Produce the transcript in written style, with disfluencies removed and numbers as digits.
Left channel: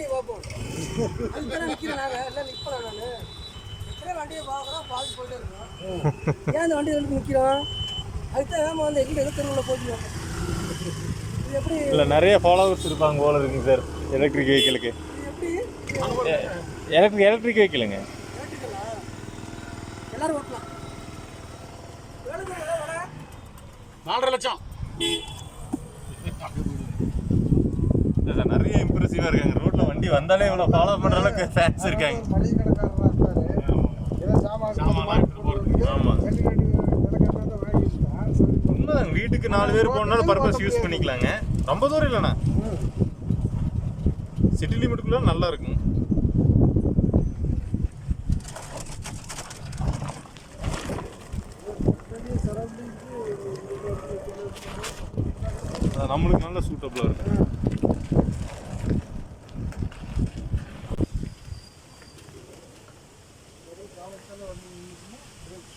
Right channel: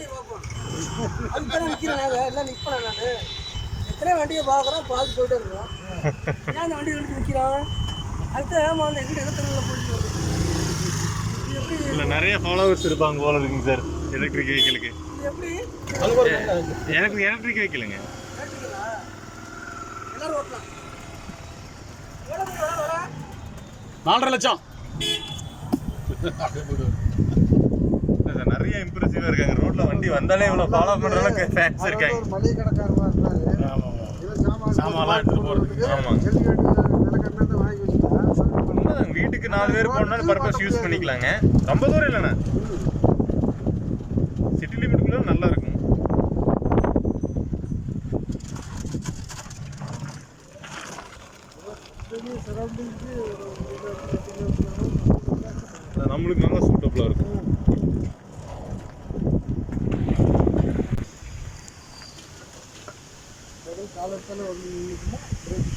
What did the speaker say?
வண்டியை பார்ப்போம். அதுக்கு நிற்கிறேன் நாங்கள் எல்லாம் நிற்பேன் நான் எத்தனை வண்டியை பார்க்குறோம் பார்த்து போயிட்டே இருக்கிறோம். ஏன் அந்த வண்டி ரெண்டு நிற்கிறோம் அதுதான் ஏமா வந்து எங்கிட்ட தெருவில் போட்டு வருது எப்படி இல்லை நிறைய ஃபாலோவர்ஸ் இருப்பாங்க போல இருக்குங்க சார் எலக்ட்ரிக் வெஹிக்கிளுக்கு. எப்படி எலக்ட்ரிக் வெஹிக்கிளுங்க கேட்டுங்களா எல்லாரும் ஓட்டலாம். எவ்வளோ வர 4.5 லட்சம். சார் நிறைய இம்ப்ரெசிவாக இருக்காங்க. ரோட்டில் வண்டி வந்தாலே இவ்வளோ ஃபாலோ பண்ணுற அளவுக்கு ஃபேன்ஸ் இருக்காங்க. ஒரு மளிகை கடைக்காரராக இருப்பாரு. ஏதோ சாமான்லாம் எடுத்துட்டு போகிறதுக்கு. ஆமாங்க வாங்கி வச்சுட்டா உண்மைதாங்க. வீட்டுக்கு 4 பேர் போனாலும் பர்பஸ் யூஸ் பண்ணிக்கலாங்க. ரொம்ப தூரம் இல்லைண்ணா, சிட்டி லிமிட்டுக்குள்ள நல்லா இருக்கும். அது நம்மளுக்கு நல்லா சூட்டபுளாக இருக்கும். காலத்தில் வந்து பிரேக்